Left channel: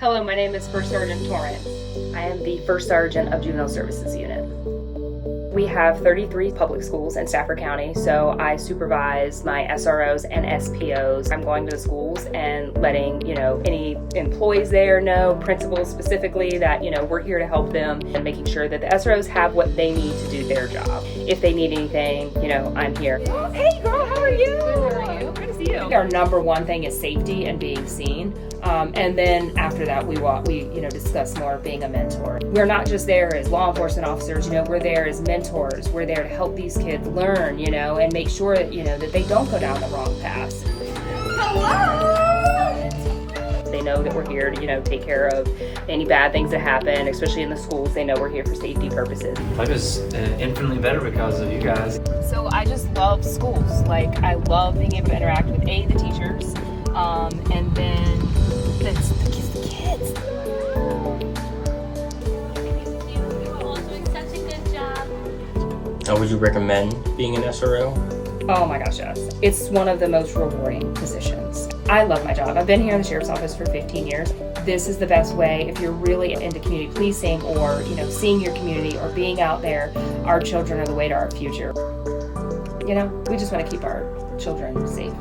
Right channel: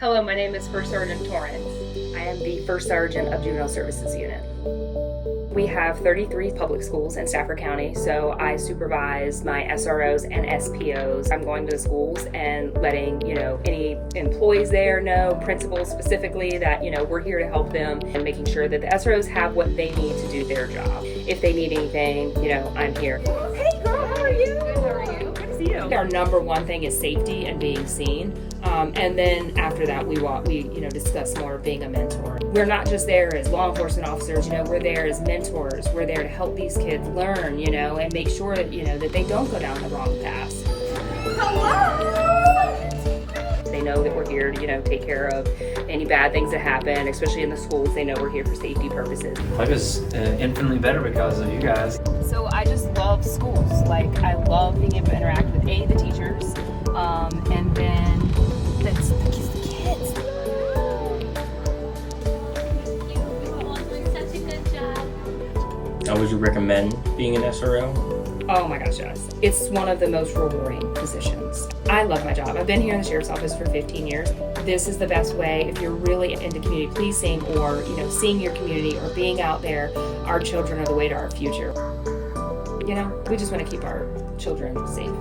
Hello, my name is First Sergeant Torrance. I am the First Sergeant of Juvenile Services Unit. We have 33 public schools in Stafford County, so I supervise my SROs and SPOs. I'm going to the schools and letting, any employees there know, principals specifically, that, we're here to help them, and making sure that the SROs have what they need to do their job. If they need anything, I'm here. Oh, hey girl, how are you? Good, how are you? Good to see you. Our number one thing is safety and being seen. And then after that, we discuss more of being a mentor. We're not just there as law enforcement officers, we're there as mentors. We're there to help these kids learn, and make sure that, that they don't go down the wrong paths. Hello! They know that we're here to, take care of any bad things that happen, especially in the schools. They know we're here for safety purposes. Life is infinitely better because of you guys. So I just love schools. I love being able to interact with the teachers, and then the kids. You are all doing such a good job. Would you recommend being an SRO? Oh my gosh, yes. It's one of the most rewarding positions. I love my job. I've been here in the Sheriff's Office for 15 years. This is the best way if you're really into community policing or, seeing your community or being out there. Our children are the way to our future. We just want to keep our children safe.